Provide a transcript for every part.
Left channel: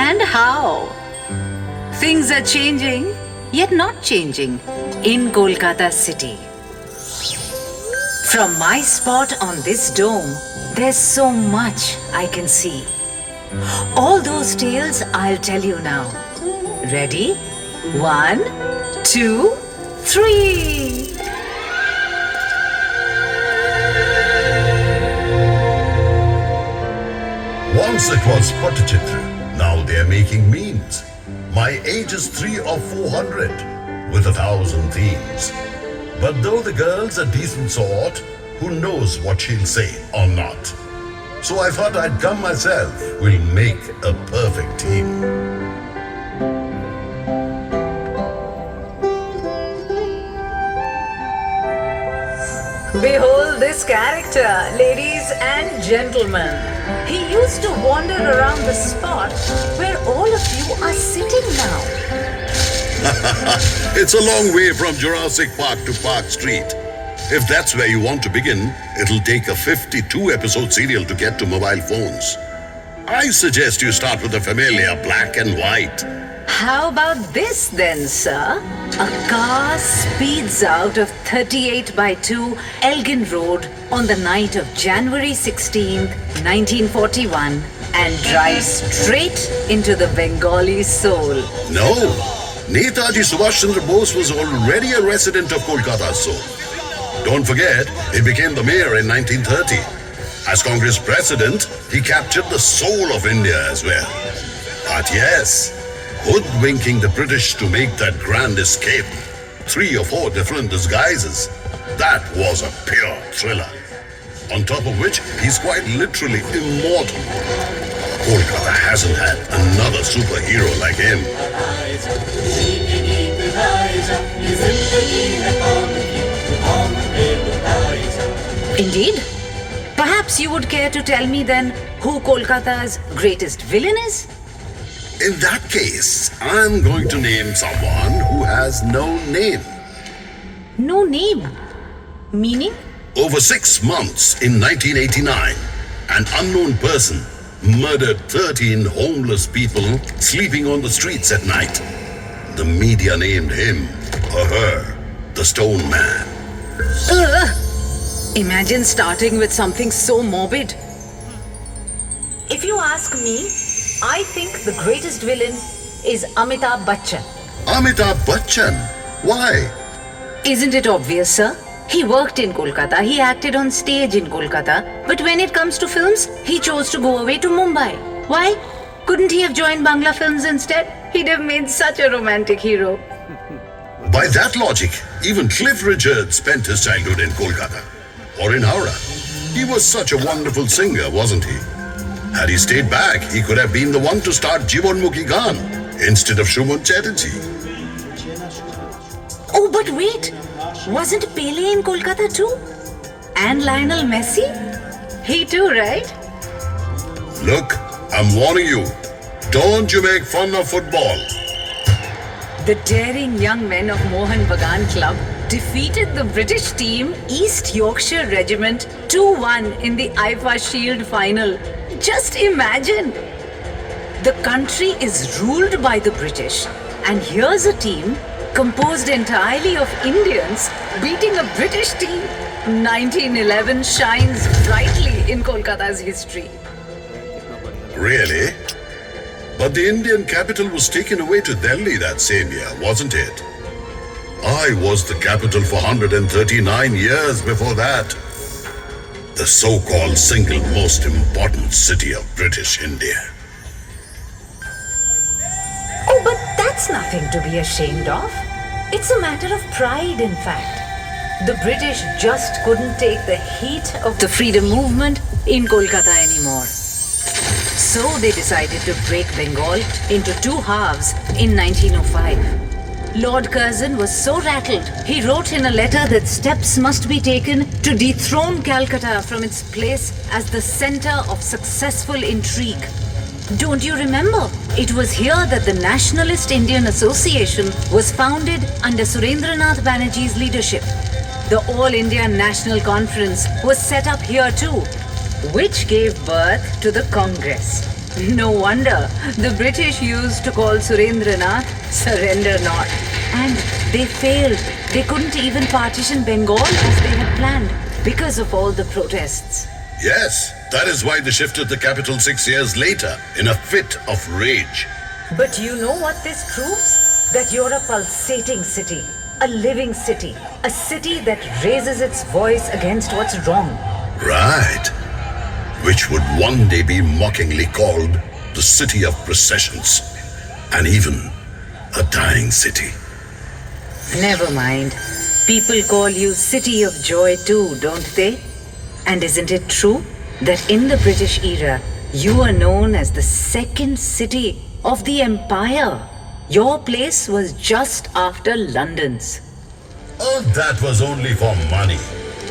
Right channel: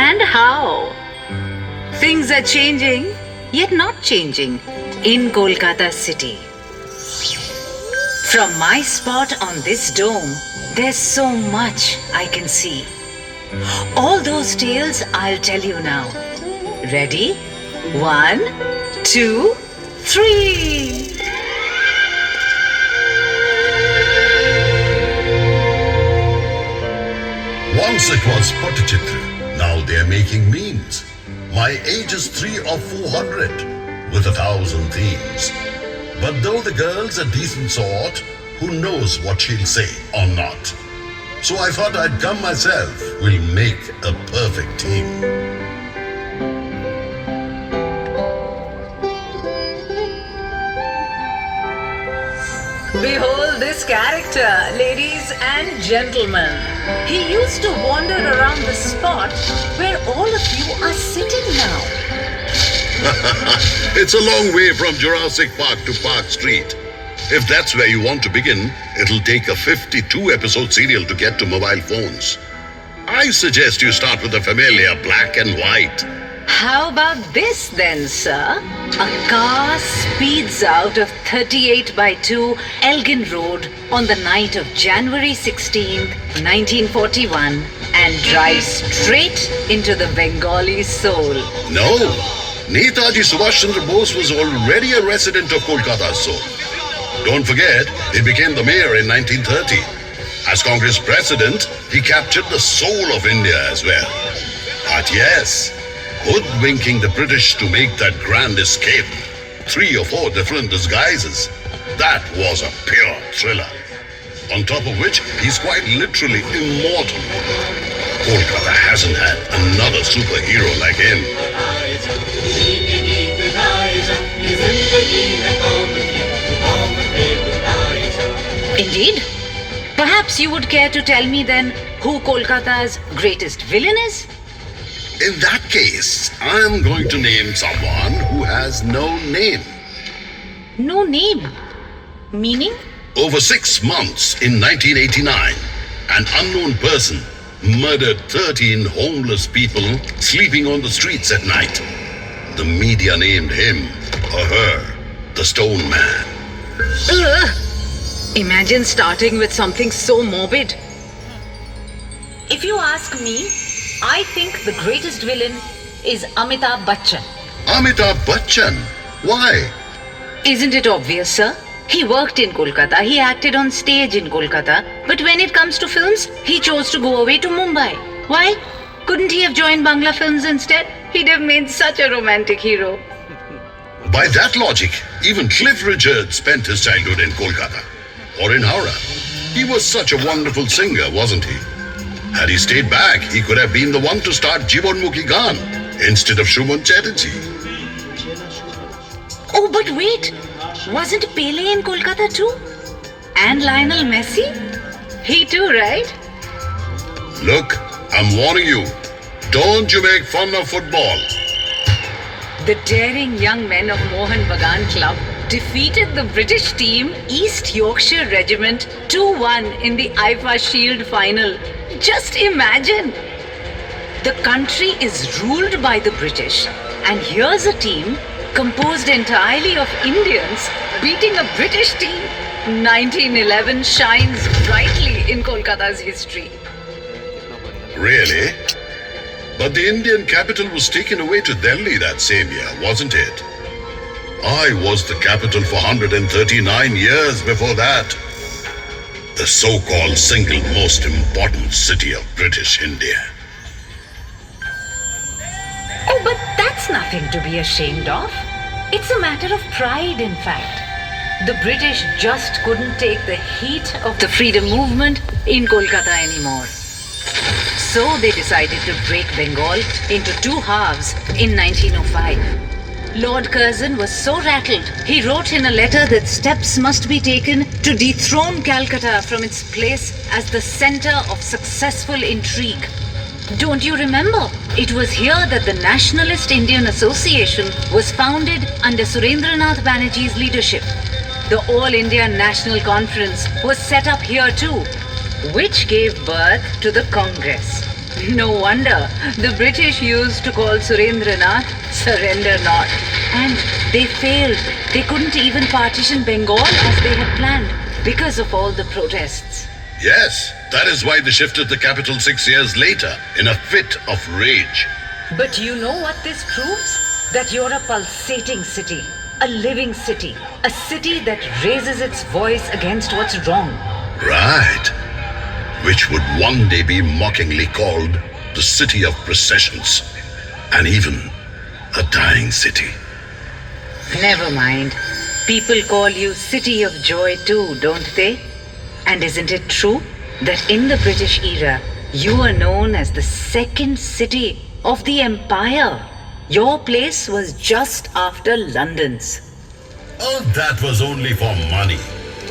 and how. Things are changing, yet not changing, in Kolkata city. From my spot on this dome, there's so much I can see. All those tales I'll tell you now. Ready? 1, 2, 3. Once it was Patachitra, now they are making memes. My age is 3 or 400, with 1,000 themes. But though the girl's a decent sort, who knows what she'll say or not. So I thought I'd come myself, we'll make a perfect team. Behold this character, ladies and gentlemen. He used to wander around the spot where all of you are sitting now. It's a long way from Jurassic Park to Park Street. If that's where you want to begin, it'll take a 52-episode serial to get to mobile phones. I suggest you start with the familiar black and white. How about this then, sir? A car speeds out of 38 by 2 Elgin Road on the night of January 16th, 1941 and drives straight into the Bengali soul. No, Netaji Subhash Chandra Bose was already a resident of Kolkata soul. Don't forget, he became the mayor in 1930. As Congress president, he captured the soul of India as well. But yes, hoodwinking the British to make that grand escape, 3 or 4 different disguises, that was a pure thriller. On top of which, he's quite literally immortal. Kolkata hasn't had another superhero like him. Indeed. Perhaps you would care to tell me then who Kolkata's greatest villain is? In that case, I'm going to name someone who has no name. No name. Meaning? Over 6 months in 1989, an unknown person murdered 13 homeless people sleeping on the streets at night. The media named him or her the Stone Man. Ugh. Imagine starting with something so morbid. If you ask me, I think the greatest villain is Amitabh Bachchan. Amitabh Bachchan? Why? Isn't it obvious, sir? He worked in Kolkata, he acted on stage in Kolkata, but when it comes to films, he chose to go away to Mumbai. Why? Couldn't he have joined Bangla films instead? He'd have made such a romantic hero. By that logic, even Cliff Richard spent his childhood in Kolkata or in Howrah. He was such a wonderful singer, wasn't he? Had he stayed back, he could have been the one to start Jivanmukhi Gaan instead of Shuman Chatterjee. Oh, but wait! Wasn't Pele in Kolkata too? And Lionel Messi? He too, right? Look, I'm warning you. Don't you make fun of football. The daring young men of Mohan Bagan Club defeated the British team East Yorkshire Regiment 2-1 in the IFA Shield final. Just imagine! The country is ruled by the British, and here's a team composed entirely of Indians beating a British team. 1911 shines brightly in Kolkata's history. Really? But the Indian capital was taken away to Delhi that same year, wasn't it? I was the capital for 139 years before that. The so-called single most important city of British India. Oh, but that's nothing to be ashamed of. It's a matter of pride, in fact. The British just couldn't take the heat of the freedom movement in Kolkata anymore. So they decided to break Bengal into 2 halves in 1905. Lord Curzon was so rattled, he wrote in a letter that steps must be taken to dethrone Calcutta from its place as the center of successful intrigue. Don't you remember? It was here that the Nationalist Indian Association was founded under Surendranath Banerjee's leadership. The All India National Conference was set up here too, which gave birth to the Congress. No wonder the British used to call Surendranath Surrender Not. And they failed. They couldn't even partition Bengal as they had planned because of all the protests. Yes, that is why they shifted the capital 6 years later in a fit of rage. But you know what this proves? That you're a pulsating city, a living city, a city that raises its voice against what's wrong. Right. Which would one day be mockingly called the city of processions, and even a dying city. Never mind. People call you City of Joy too, don't they? And isn't it true that in the British era, you were known as the second city of the empire? Your place was just after London's. Oh, that was only for money.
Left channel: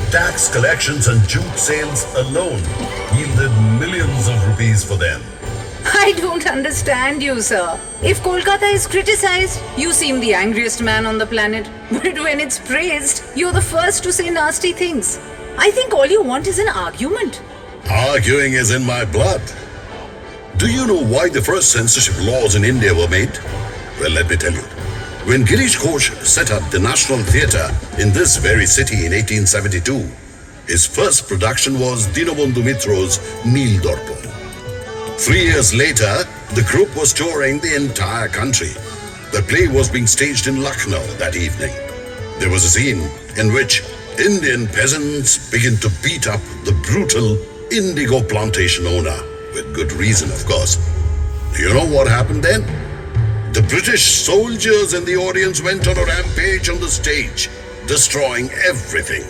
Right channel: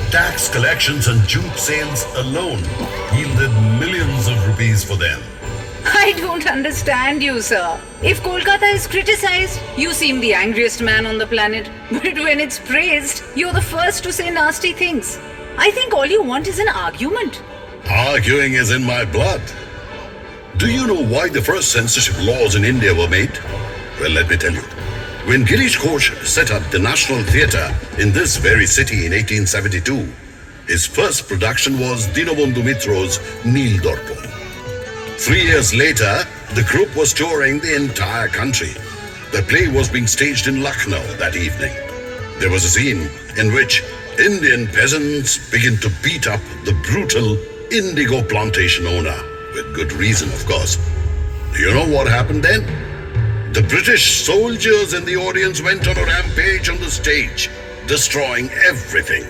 Tax collections and jute sales alone yielded millions of rupees for them. I don't understand you, sir. If Kolkata is criticized, you seem the angriest man on the planet. But when it's praised, you're the first to say nasty things. I think all you want is an argument. Arguing is in my blood. Do you know why the first censorship laws in India were made? Well, let me tell you. When Girish Ghosh set up the National Theatre in this very city in 1872, his first production was Dinabandhu Mitro's Neel Darpan. 3 years later, the group was touring the entire country. The play was being staged in Lucknow that evening. There was a scene in which Indian peasants begin to beat up the brutal indigo plantation owner, with good reason, of course. Do you know what happened then? The British soldiers in the audience went on a rampage on the stage, destroying everything.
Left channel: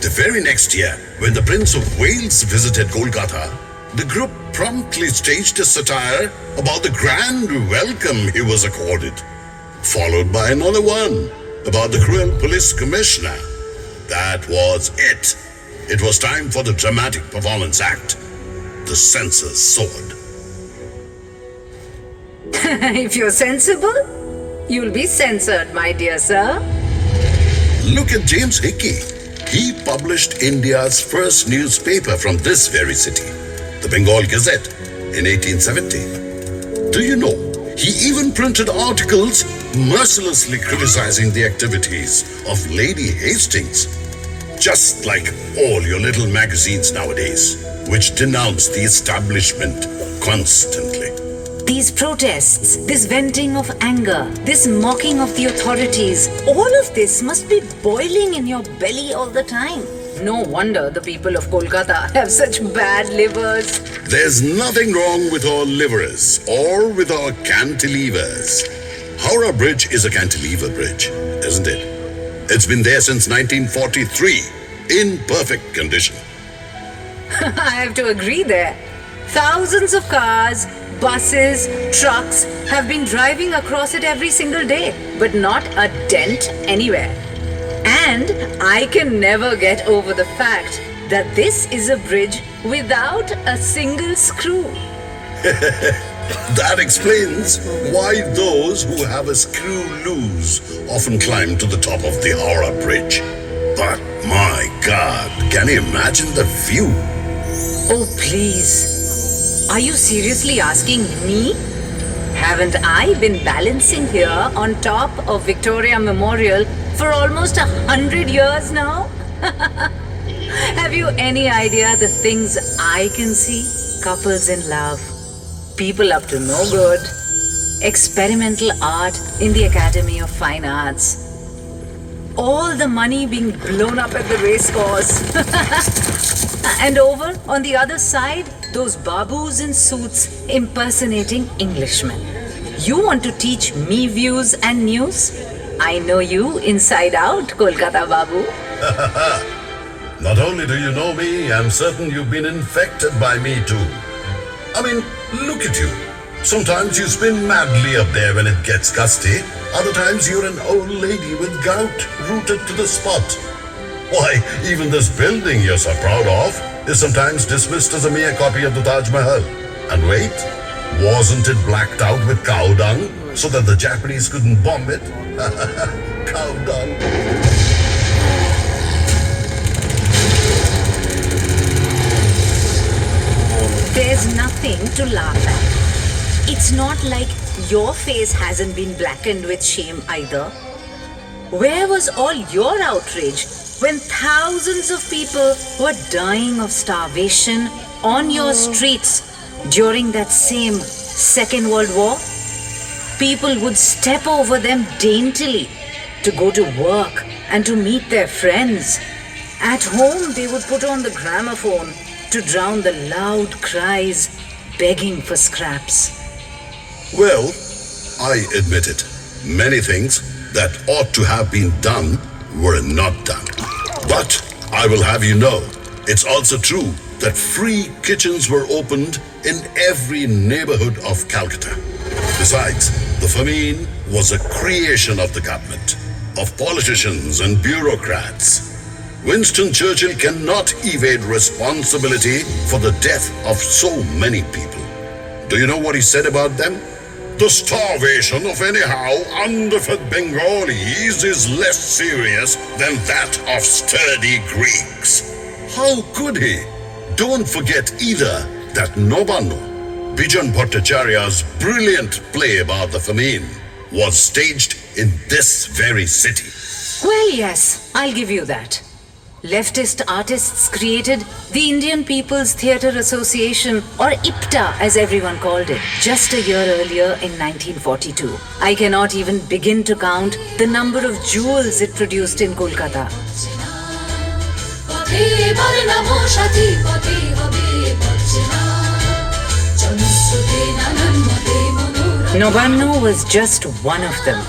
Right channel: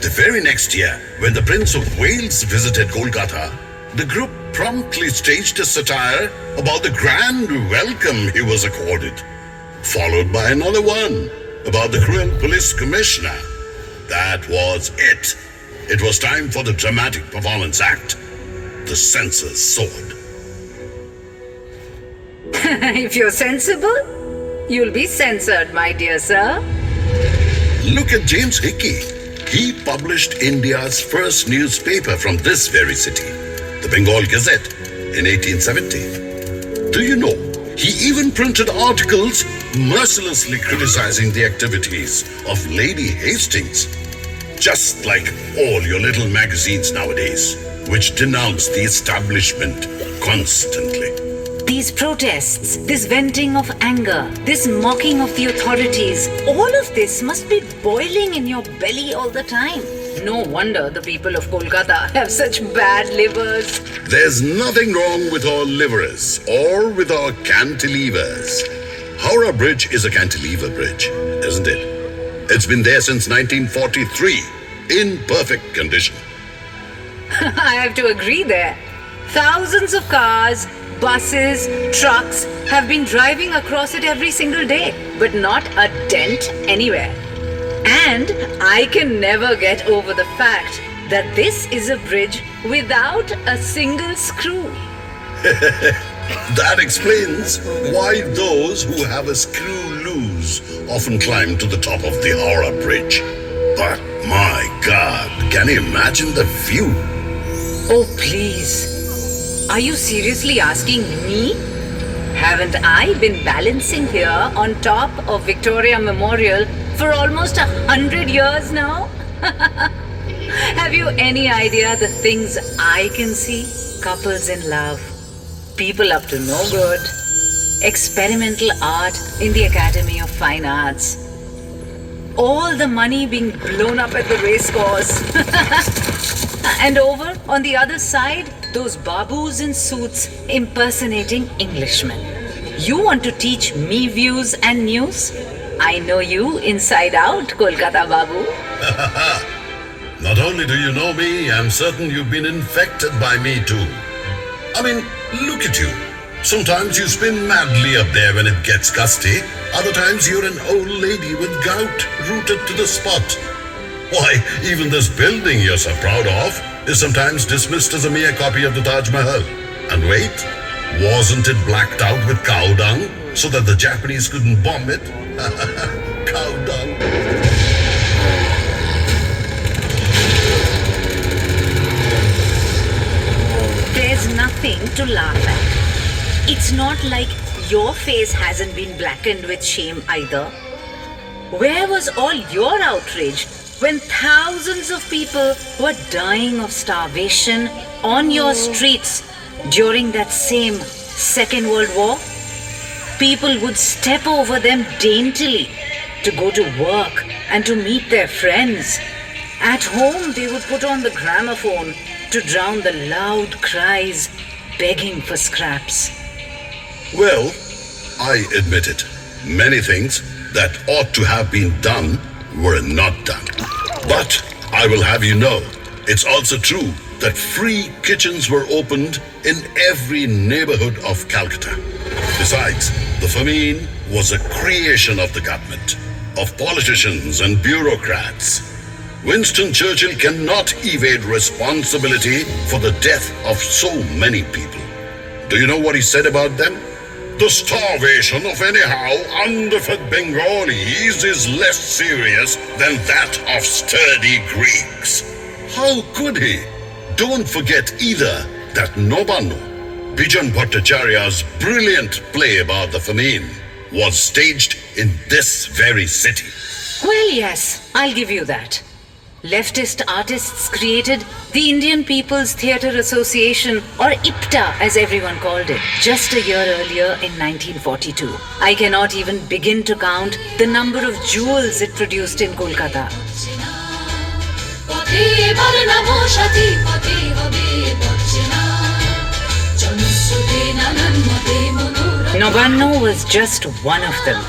The very next year, when the Prince of Wales visited Kolkata, the group promptly staged a satire about the grand welcome he was accorded, followed by another one about the cruel police commissioner. That was it. It was time for the dramatic performance act, the censor's sword. If you're sensible, you'll be censored, my dear sir. Look at James Hickey. He published India's first newspaper from this very city, the Bengal Gazette, in 1870. Do you know, he even printed articles mercilessly criticizing the activities of Lady Hastings, just like all your little magazines nowadays, which denounce the establishment constantly. These protests, this venting of anger, this mocking of the authorities, all of this must be boiling in your belly all the time. No wonder the people of Kolkata have such bad livers. There's nothing wrong with our livers or with our cantilevers. Howrah Bridge is a cantilever bridge, isn't it? It's been there since 1943, in perfect condition. I have to agree there. Thousands of cars, buses, trucks have been driving across it every single day, but not a dent anywhere. And I can never get over the fact that this is a bridge without a single screw. That explains why those who have a screw loose often climb to the top of the Howrah Bridge. But my God, can you imagine the view? Oh, please. Are you seriously asking me? Haven't I been balancing here on top of Victoria Memorial for almost 100 years now? Have you any idea the things I can see? Couples in love, people up to no good, experimental art in the Academy of Fine Arts, all the money being blown up at the racecourse. And over on the other side, those babus in suits impersonating Englishmen. You want to teach me views and news? I know you inside out, Kolkata Babu. Not only do you know me, I'm certain you've been infected by me too. I mean, look at you. Sometimes you spin madly up there when it gets gusty. Other times you're an old lady with gout rooted to the spot. Why, even this building you're so proud of is sometimes dismissed as a mere copy of the Taj Mahal. And wait, wasn't it blacked out with cow dung so that the Japanese couldn't bomb it? Cow dung. There's There's nothing to laugh at. It's not like your face hasn't been blackened with shame either. Where was all your outrage when thousands of people were dying of starvation on your streets during that same Second World War? People would step over them daintily to go to work and to meet their friends. At home, they would put on the gramophone to drown the loud cries begging for scraps. Well, I admit it. Many things that ought to have been done were not done. But I will have you know, it's also true that free kitchens were opened in every neighborhood of Calcutta. Besides, the famine was a creation of the government, of politicians and bureaucrats. Winston Churchill cannot evade responsibility for the death of so many people. Do you know what he said about them? The starvation of anyhow underfed Bengalis is less serious than that of sturdy Greeks. How could he? Don't forget either that Nobano, Bijan Bhattacharya's brilliant play about the famine, was staged in this very city. Well, yes, I'll give you that. Leftist artists created the Indian People's Theatre Association, or IPTA as everyone called it, just a year earlier in 1942. I cannot even begin to count the number of jewels it produced in Kolkata. Novanno was just one of them.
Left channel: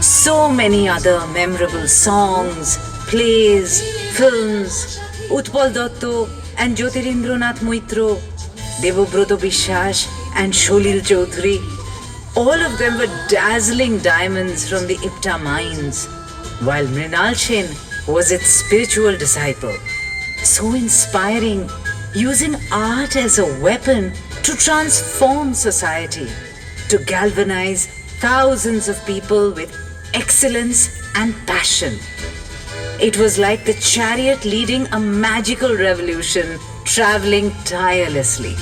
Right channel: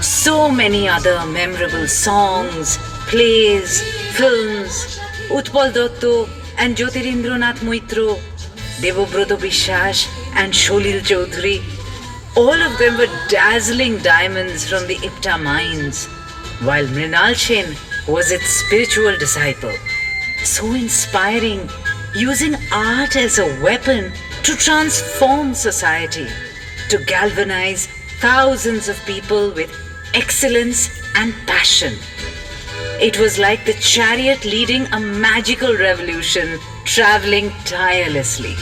So many other memorable songs, plays, films, Utpal Dotto and Jyotirindranath Moitro, Devobroto Bishwash and Sholil Chaudhary, all of them were dazzling diamonds from the IPTA mines, while Mrinal Sen was its spiritual disciple. So inspiring, using art as a weapon to transform society, to galvanize thousands of people with excellence and passion. It was like the chariot leading a magical revolution, traveling tirelessly.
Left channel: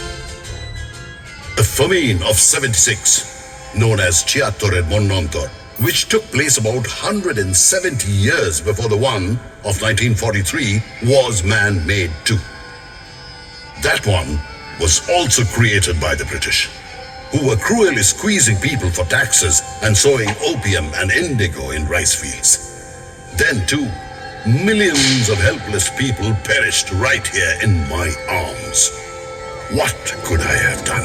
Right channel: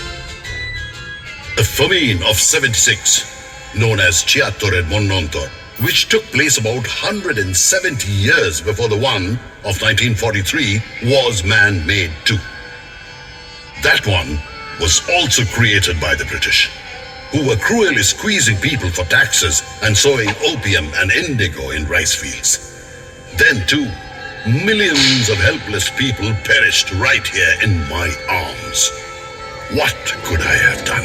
The famine of 76, known as Chiattor Monontor, which took place about 170 years before the one of 1943, was man-made too. That one was also created by the British, who were cruelly squeezing people for taxes and sowing opium and indigo in rice fields. Then too, millions of helpless people perished right here in my arms. What could I have done?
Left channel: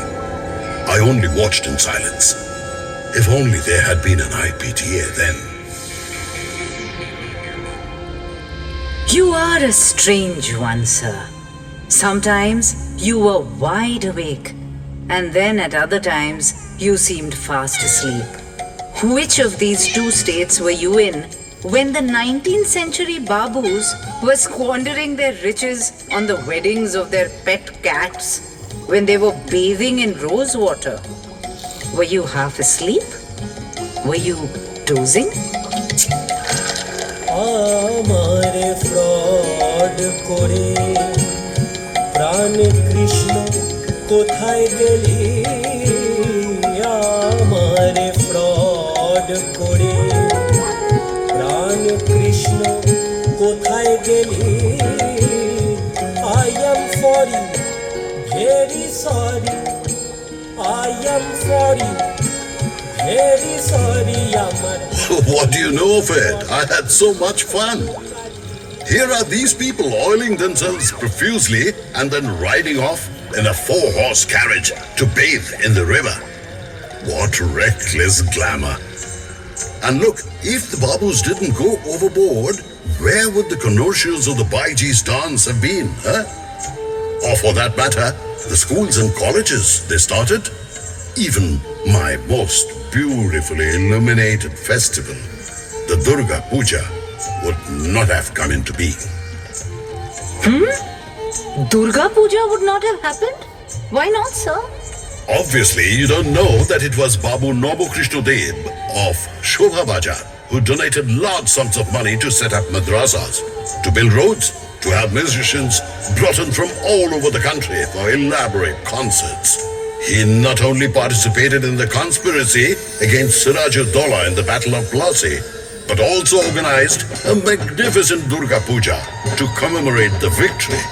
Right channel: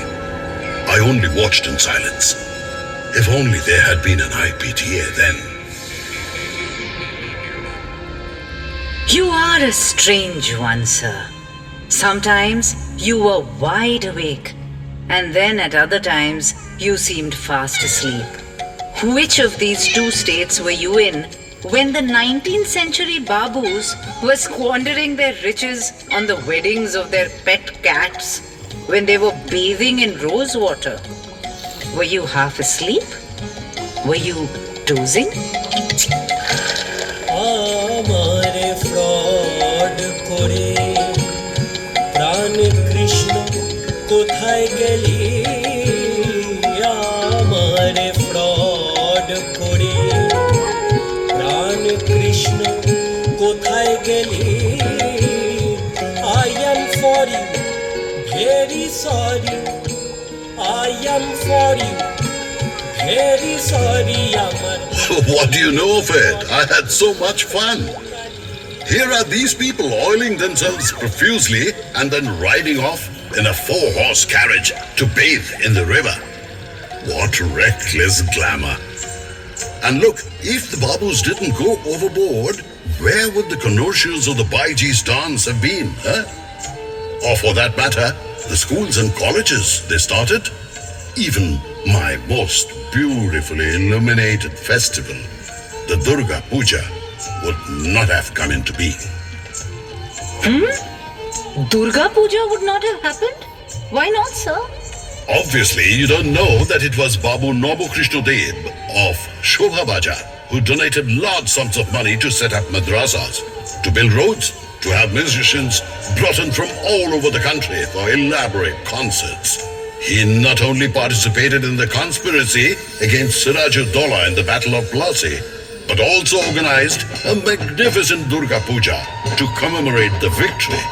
I only watched in silence. If only there had been an IPTA then. You are a strange one, sir. Sometimes you were wide awake, and then at other times you seemed fast asleep. Which of these two states were you in when the 19th century Babus were squandering their riches on the weddings of their pet cats, when they were bathing in rose water? Were you half asleep? Were you dozing? আমারে fraud করে প্রাণ কৃষ্ণ কোথায় গেলি আমারে fraud করে প্রাণ কৃষ্ণ কোথায় গেলি I am for you very sorry I am for you very sorry আমার What do you know of it? I had so much fun. Here are these people oiling themselves profusely and then riding off in a 4-horse carriage to bathe in the river. What reckless glamour. And look, if the Babus didn't go overboard, where would the connoisseurs of the Baiji's dance have been, huh? Or for that matter, the schools and colleges they started? Even my most beautifully illuminated festival, the Durga Puja, would not have come into being. Durga Puja would not have happened? Why not, sir? Obviously, you don't know that it was Babu Nobu Krishna Deb of Shobha Bajar who donated large sums of money to set up madrasas, to build roads, to have musicians brought in from all over the country for elaborate concerts. He not only participated in the conspiracy against Siraj-ud-Dowla in the Battle of Plassey, but also organized a magnificent Durga Puja to commemorate the victory.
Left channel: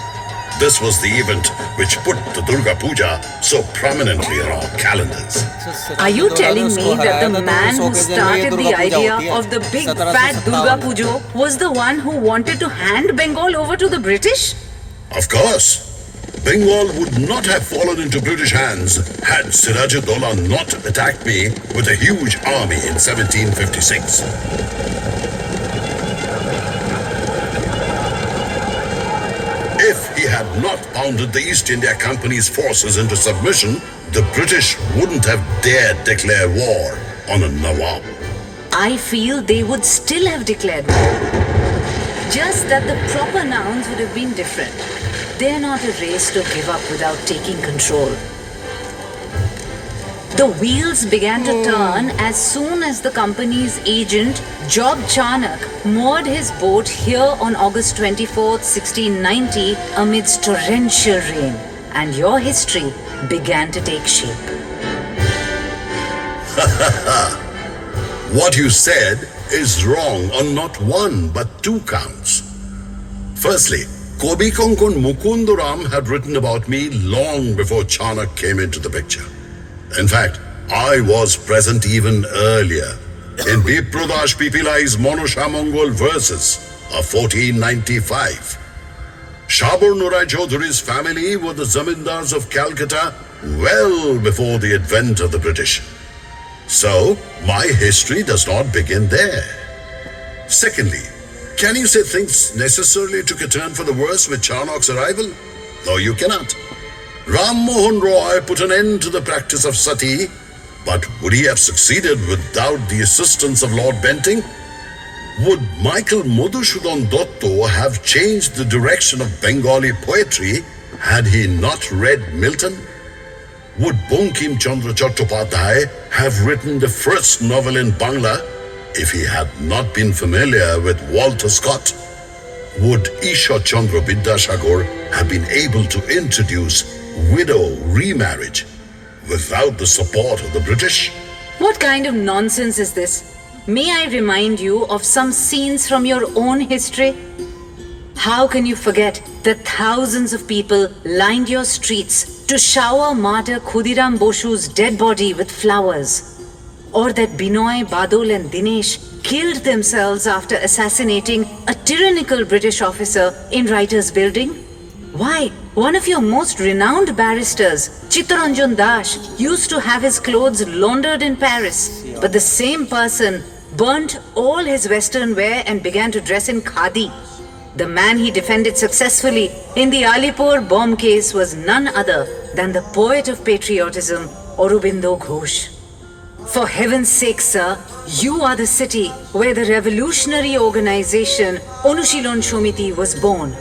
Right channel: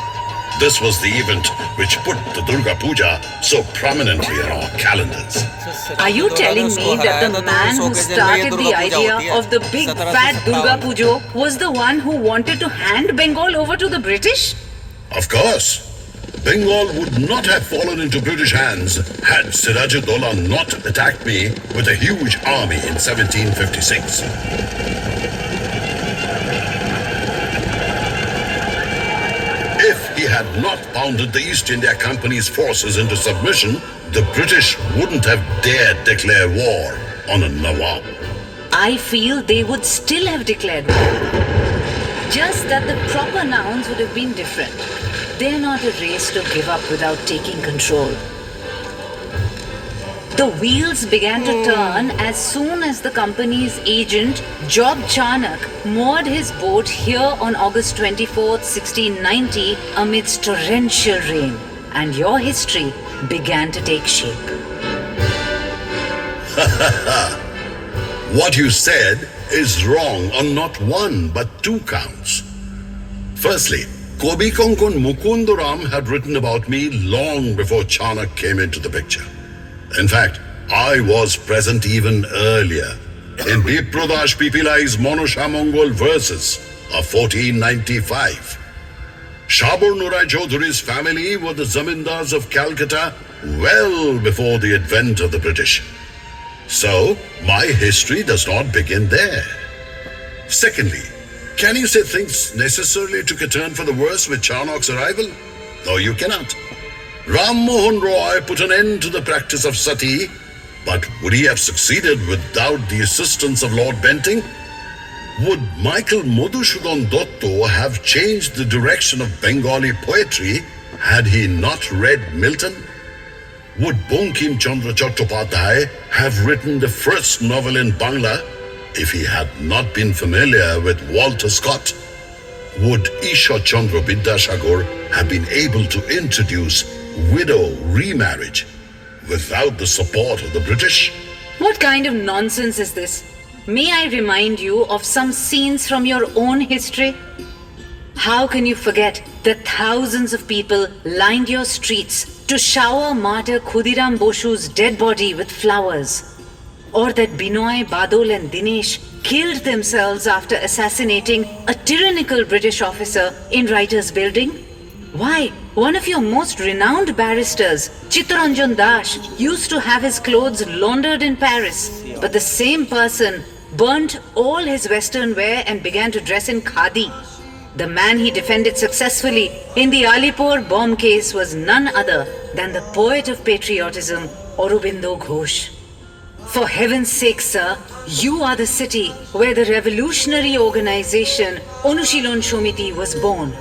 This was the event which put the Durga Puja so prominently in our calendars. Are you telling me that the man who started the idea of the big fat Durga Puja was the one who wanted to hand Bengal over to the British? Of course. Bengal would not have fallen into British hands had Siraj-ud-Dowla not attacked me with a huge army in 1756. If he had not pounded the East India Company's forces into submission, the British wouldn't have dared declare war on a Nawab. I feel they would still have declared war. Just that the proper nouns would have been different. They're not a race to give up without taking control. The wheels began to turn as soon as the company's agent, Job Charnock, moored his boat here on August 24th, 1690, amidst torrential rain, and your history began to take shape. What you said is wrong on not one but two counts. Firstly, Kobi Konkon Mukundaram had written about me long before Charnock came into the picture. In fact, I was present even earlier in Bipradash Pipilai's Monoshamongol verses of 1495. Shabur Nurai Chaudhury's family were the zamindars of Calcutta well before the advent of the British. So, my history does not begin there. Secondly, can you say things necessarily took a turn for the worse with Charnock's arrival? No, you cannot. Ram Mohan Roy put an end to the practice of sati, but would he have succeeded without the assistance of Lord Bentinck? Would Michael Madhusudhan Dotto have changed the direction of Bengali poetry had he not read Milton? Would Bankim Chandra Chattopadhyay have written the first novel in Bangla if he had not been familiar with Walter Scott? Would Isha Chandra Vidyasagar have been able to introduce widow remarriage without the support of the British? What kind of nonsense is this? May I remind you of some scenes from your own history? How can you forget that thousands of people lined your streets to shower martyr Khudiram Boshu's dead body with flowers? Or that Binoy, Badol and Dinesh killed themselves after assassinating a tyrannical British officer in Writers' Building? Why, one of your most renowned barristers, Chittaranjan Das, used to have his clothes laundered in Paris, but the same person burnt all his western wear and began to dress in khadi. The man he defended successfully in the Alipur bomb case was none other than the poet of patriotism, Aurobindo Ghosh. For heaven's sake, sir, you are the city where the revolutionary organization Anushilon Shomiti was born.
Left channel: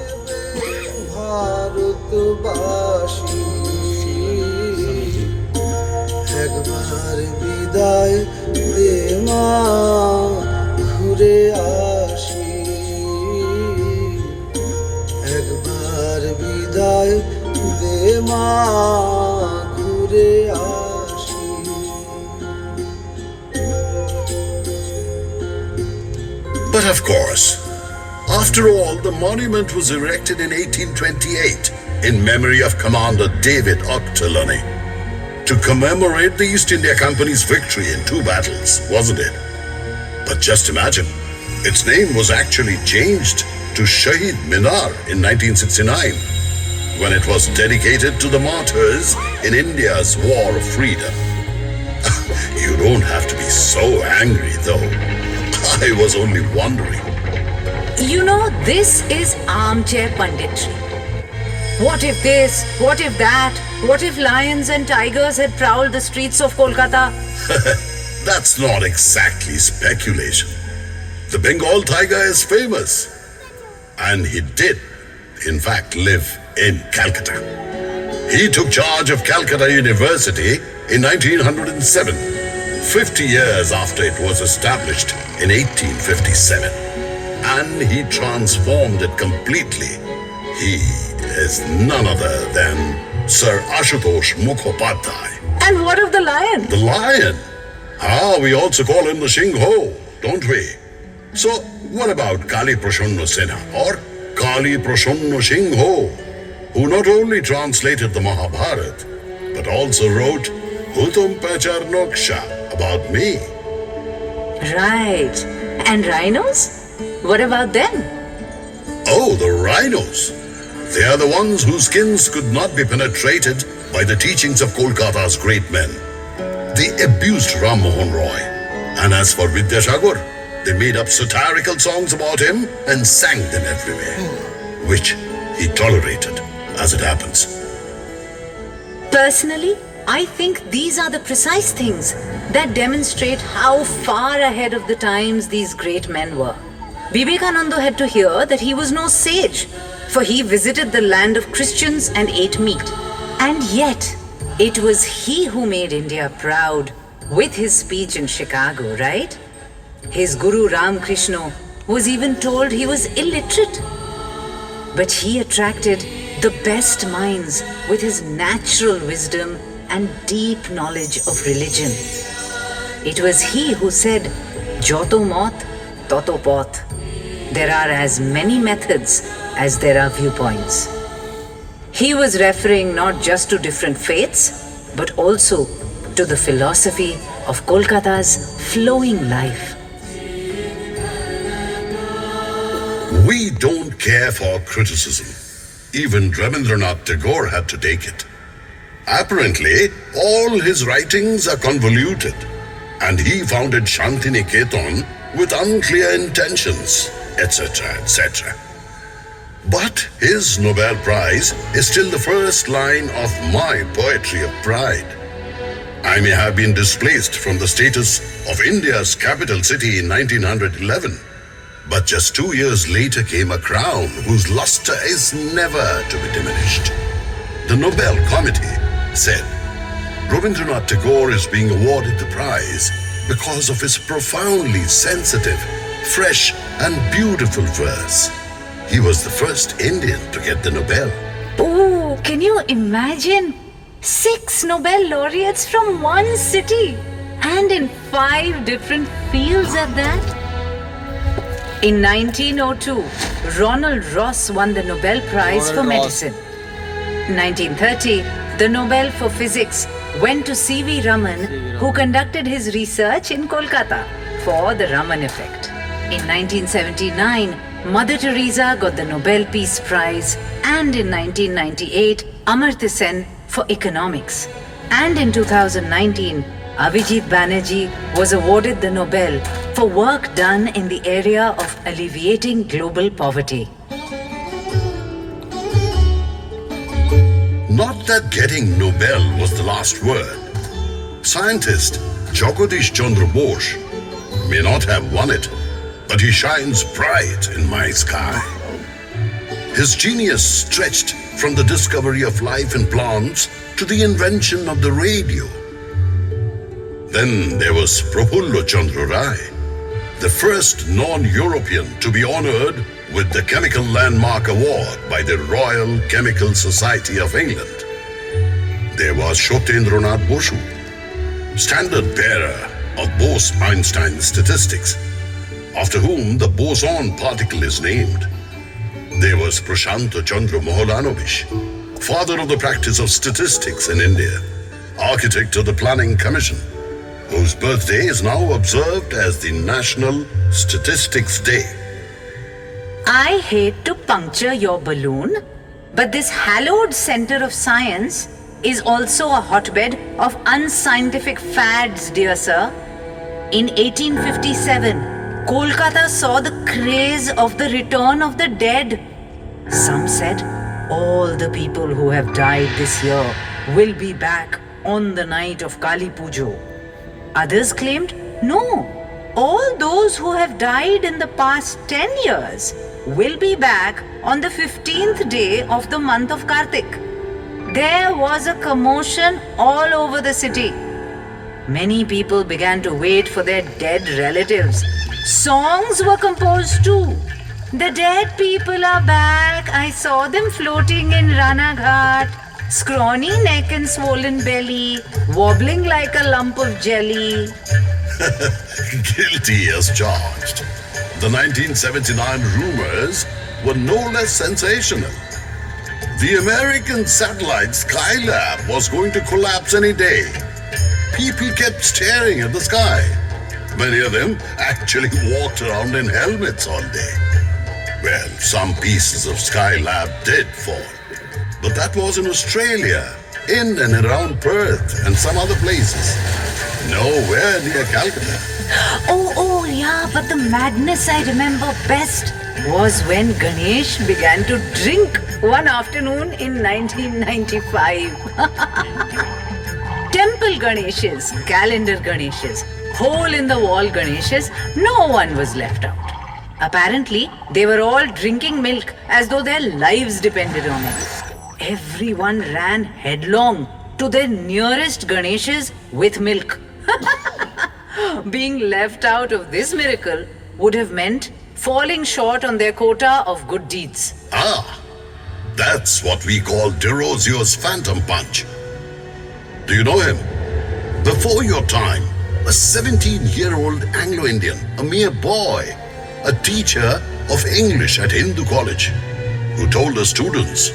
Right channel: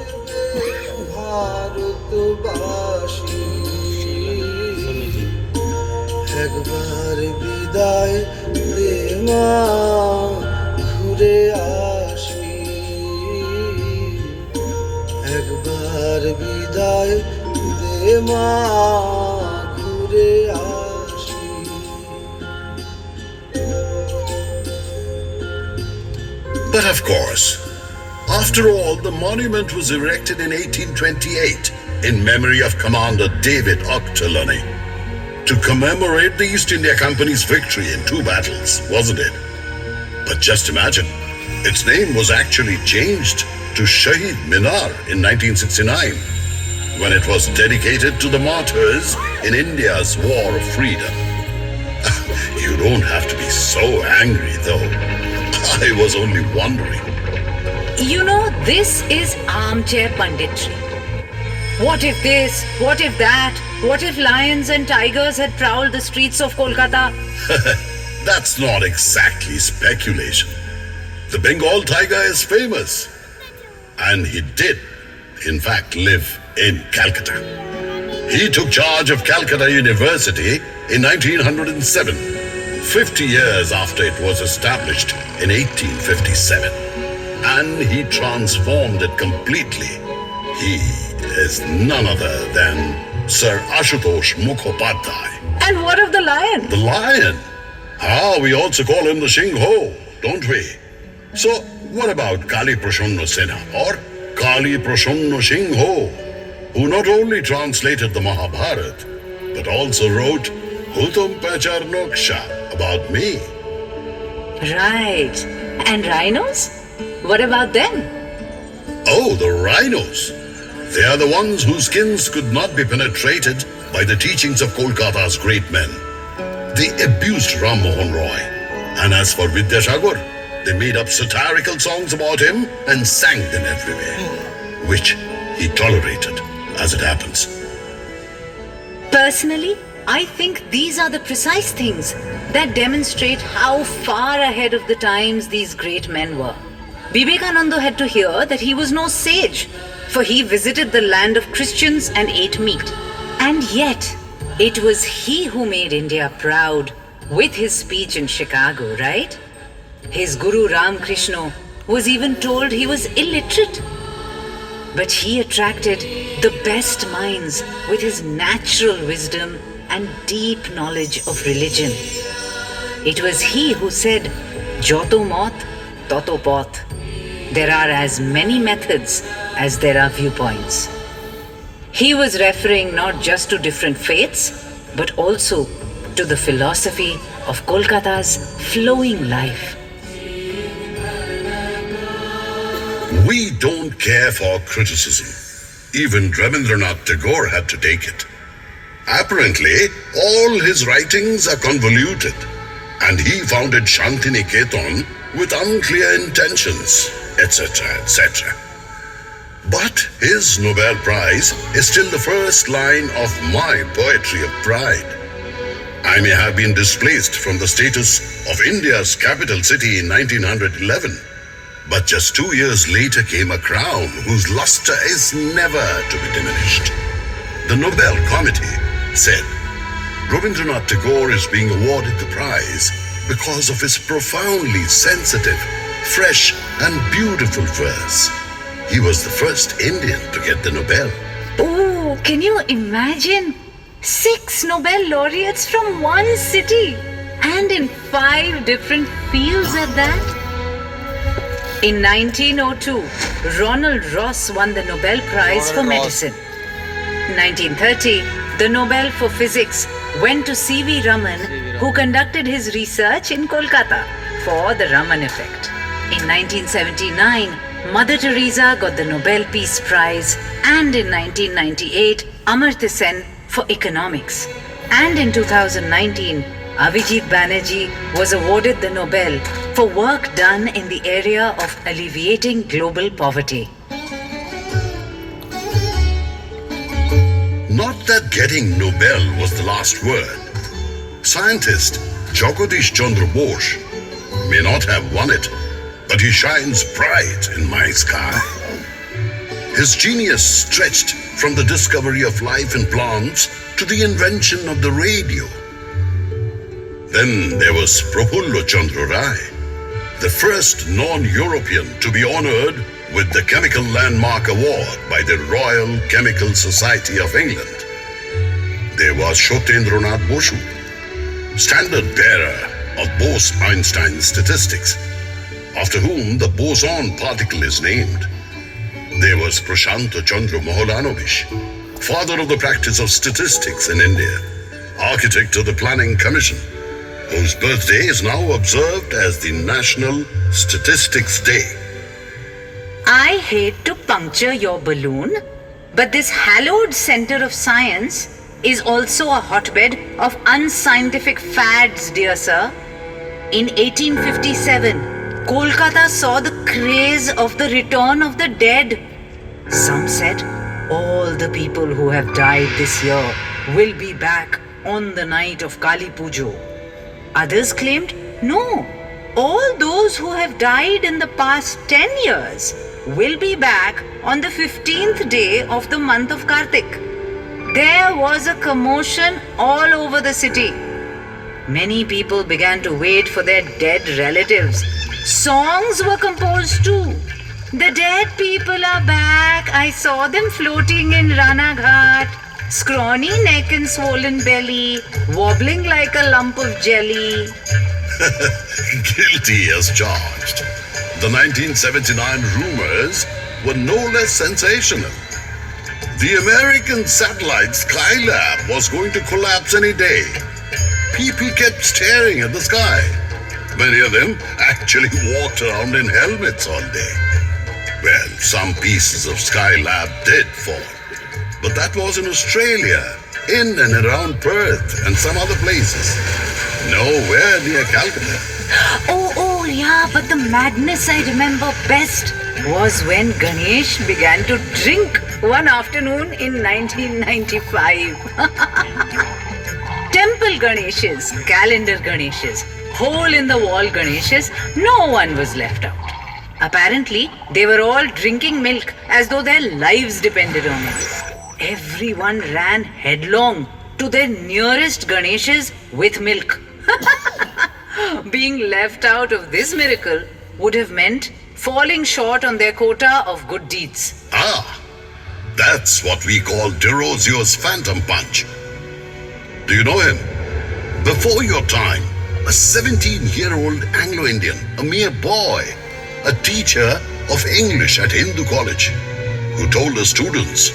But of course, after all, the monument was erected in 1828 in memory of Commander David Ochterlony to commemorate the East India Company's victory in 2 battles, wasn't it? But just imagine, its name was actually changed to Shahid Minar in 1969 when it was dedicated to the martyrs in India's war of freedom. You don't have to be so angry, though. I was only wondering. You know, this is armchair punditry. What if this? What if that? What if lions and tigers had prowled the streets of Kolkata? That's not exactly speculation. The Bengal tiger is famous. And he did, in fact, live in Calcutta. He took charge of Calcutta University in 1907, 50 years after it was established in 1857. And he transformed it completely He is none other than Sir Ashutosh Mukhopadhyay. And what of the lion? The lion? Ah, we also call him the Shingho, don't we? So, what about Kali Prashanna Sena or Kali Prashanna Shingho, who not only translated the Mahabharata, but also wrote Hutum Pechar Noksha about me? Right. And rhinos? What about them? Oh, the rhinos. They are the ones whose skins could not be penetrated by the teachings of Kolkata's great men. They abused Ram Mohan Roy. And as for Vidyasagar, they made up satirical songs about him and sang them everywhere, which he tolerated, as it happens. Personally, I think these are the precise things that demonstrate how far ahead of the times these great men were. Vivekananda had to hear that he was no sage, for he visited the land of Christians and ate meat. And yet, it was he who made India proud with his speech in Chicago, right? His Guru Ramakrishna was even told he was illiterate. But he attracted the best minds with his natural wisdom and deep knowledge of religion. It was he who said, Joto mot, toto poth. There are as many methods as there are viewpoints. He was referring not just to different faiths, but also to the philosophy of Kolkata's flowing life. We don't care for criticism. Even Rabindranath Tagore had to take it. Apparently, all his writings are convoluted, and he founded Shantiniketan with unclear intentions, etc., etc. But his Nobel Prize is still the first line of my poetry of pride. I may have been displaced from the status of India's capital city in 1911, but just 2 years later came a crown whose luster is never to be diminished. The Nobel Committee said, Rabindranath Tagore is being awarded the prize because of his profoundly sensitive, fresh and beautiful verse. He was the first Indian to get the Nobel. Oh, can you imagine? 6 Nobel laureates from one city and in 5 different fields at that? In 1902, Ronald Ross won the Nobel Prize for Medicine. 1930, the Nobel for Physics went to C.V. Raman, who conducted his research in Kolkata for the Raman effect. In 1979, Mother Teresa got the Nobel Peace Prize, and in 1998, Amartya Sen for economics. And in 2019, Abhijit Banerjee was awarded the Nobel for work done in the area of alleviating global poverty. Not that getting Nobel was the last word. Scientist Jagadish Chandra Bose may not have won it, but he shines bright in my sky. His genius stretched from the discovery of life in plants to the invention of the radio. Then there was Prafullo Chandra Rai, the first non-European to be honored with the Chemical Landmark Award by the Royal Chemical Society of England. There was Shotendranath Bosu, standard bearer of Bose-Einstein statistics, after whom the boson particle is named. There was Prashanta Chandra Moholanovich, father of the practice of statistics in India, architect of the Planning Commission, whose birthday is now observed as the National Statistics Day. I hate to puncture your balloon, but this hallowed center of science is also a hotbed of unscientific fads, dear sir. In 1857, Kolkata saw the craze of the return of the dead. Some said all the people who have died this year will be back on the night of Kali Pujo. Others claimed, no, all those who have died in the past 10 years will be back on the 15th day of the month of Kartik. There was a commotion all over the city. Many people began to wait for their dead relatives. Songs were composed too. The dead people are back. I saw them floating in Ranaghat. Scrawny neck and swollen belly, wobbling like a lump of jelly. Guilty as charged. The 1979 rumors were no less sensational. The American satellite Skylab was going to collapse any day. People kept staring at the sky. Many of them actually walked around in helmets all day. Well, some pieces of Skylab did fall. But that was in Australia, in and around Perth and some other places. Nowhere near Calcutta. Oh, yeah, but the madness I remember best was when Ganesh began to drink one afternoon in 1995. Temple Ganeshas, calendar Ganeshas, hole-in-the-wall Ganeshas, no one was left out. Apparently, they were all drinking milk as though their lives depended on it. Everyone ran headlong to their nearest Ganeshas with milk. Being left out of this miracle would have meant falling short on their quota of good deeds. Ah, that's what we call DeRosio's Phantom Punch. Do you know him? Before your time, a 17-year-old Anglo-Indian, a mere boy, a teacher of English at Hindu College, who told the students,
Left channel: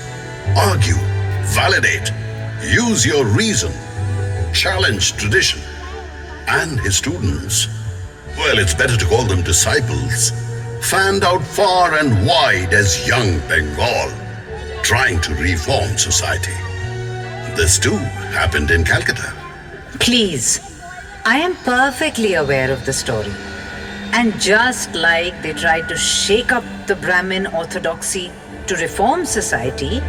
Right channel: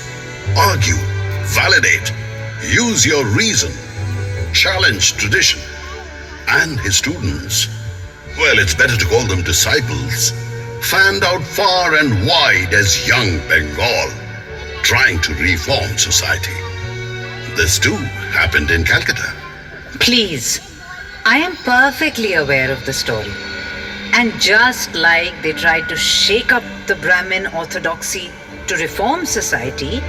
argue, validate, use your reason, challenge tradition. And his students, well, it's better to call them disciples, fanned out far and wide as young Bengal, trying to reform society. This too happened in Calcutta. Please, I am perfectly aware of the story. And just like they tried to shake up the Brahmin orthodoxy to reform society,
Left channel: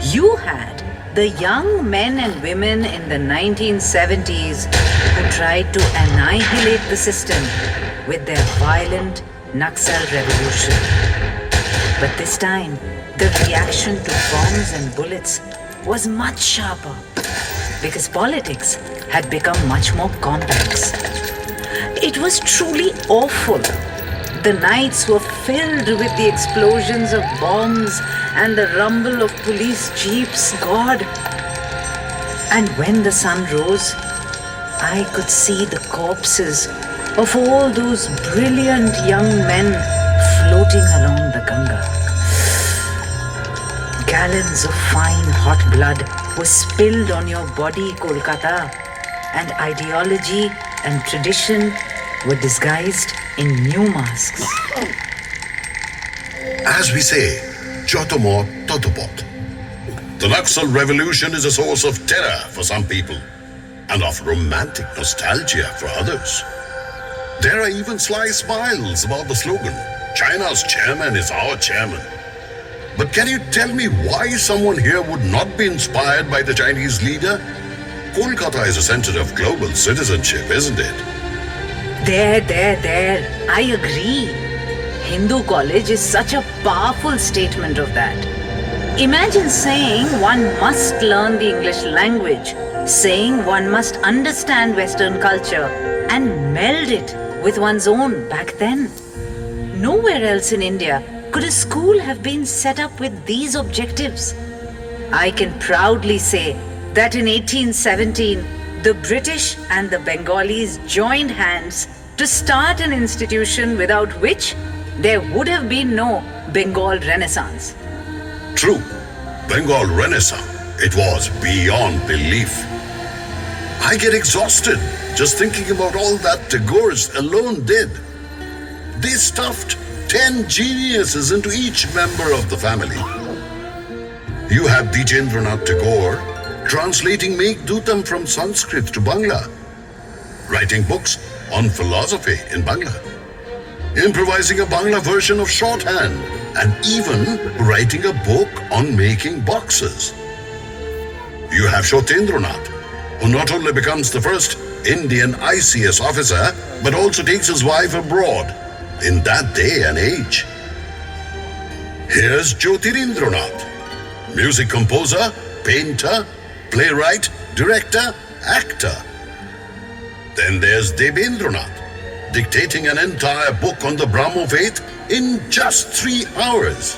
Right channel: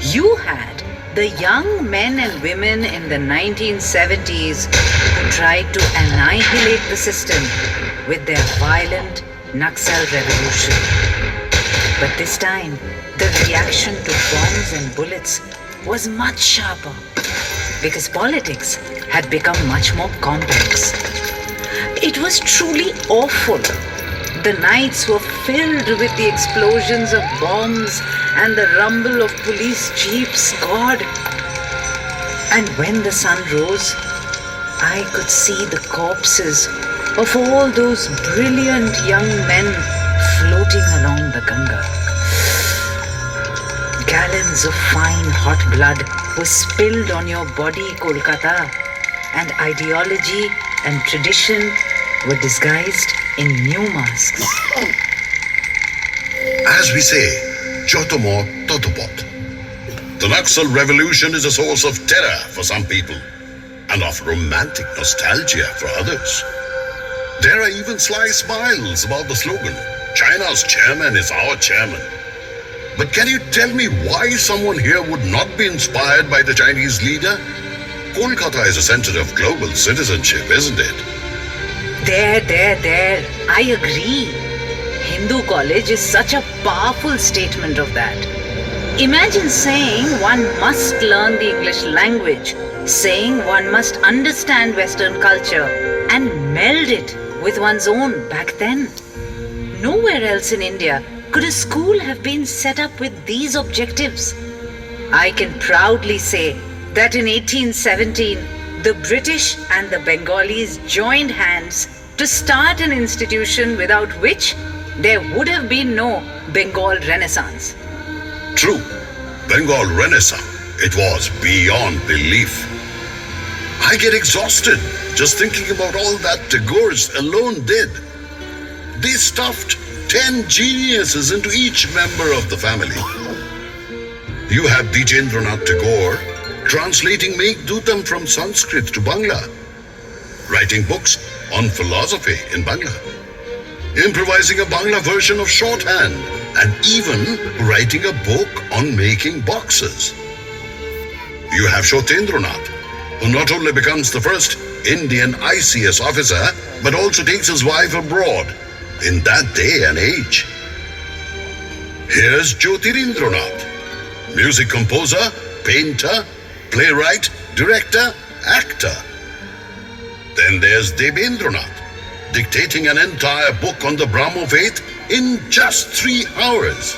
you had the young men and women in the 1970s who tried to annihilate the system with their violent Naxal revolution. But this time, the reaction to bombs and bullets was much sharper because politics had become much more complex. It was truly awful. The nights were filled with the explosions of bombs and the rumble of police jeeps, God. And when the sun rose, I could see the corpses of all those brilliant young men floating along the Ganga. Gallons of fine hot blood were spilled on your body, Kolkata, and ideology and tradition were disguised in new masks. As we say, Jotomo Totopot. The Naxal revolution is a source of terror for some people and of romantic nostalgia for others. There are even sly smiles about the slogan, China's chairman is our chairman. But can you tell me why someone here would not be inspired by the Chinese leader? Kolkata is a center of global citizenship, isn't it? There. I agree. Hindu college is such a powerful statement of that. Imagine saying one must learn the English language, saying one must understand Western culture and meld it with one's own back then. Nowhere else in India could a school have been set up with these objectives. I can proudly say that in 1817, the British and the Bengalis joined hands to start an institution without which there would have been no Bengal Renaissance. True. Bengal Renaissance. It was beyond belief. I get exhausted just thinking about all that Tagore's alone did. They stuffed 10 geniuses into each member of the family. You have Dijendranath Tagore translating Meghdutam from Sanskrit to Bangla, writing books on philosophy in Bangla, improvising a Bangla version of shorthand, and even writing a book on making boxes. You have Shotendranath, who not only becomes the first Indian ICS officer, but also takes his wife abroad in that day and age. Here's Jyotirindranath, music composer, painter, playwright, director, actor. Then there's Debendranath, dictating an entire book on the Brahmo faith in just 3 hours.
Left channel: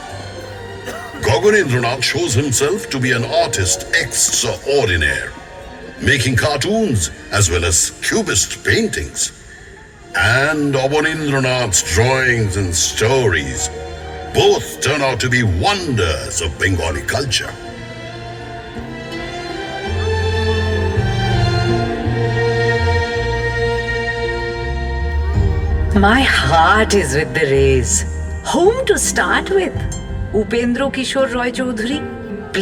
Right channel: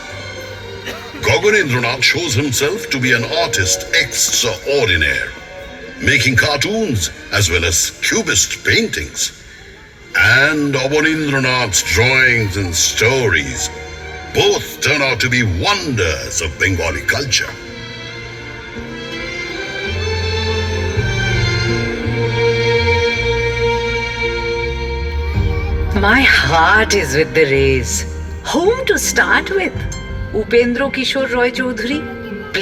Gaganendranath shows himself to be an artist extraordinaire, making cartoons as well as cubist paintings. And Abanindranath's drawings and stories both turn out to be wonders of Bengali culture. My heart is with the Rays. Whom to start with? Upendra Kishore Roy Chaudhary,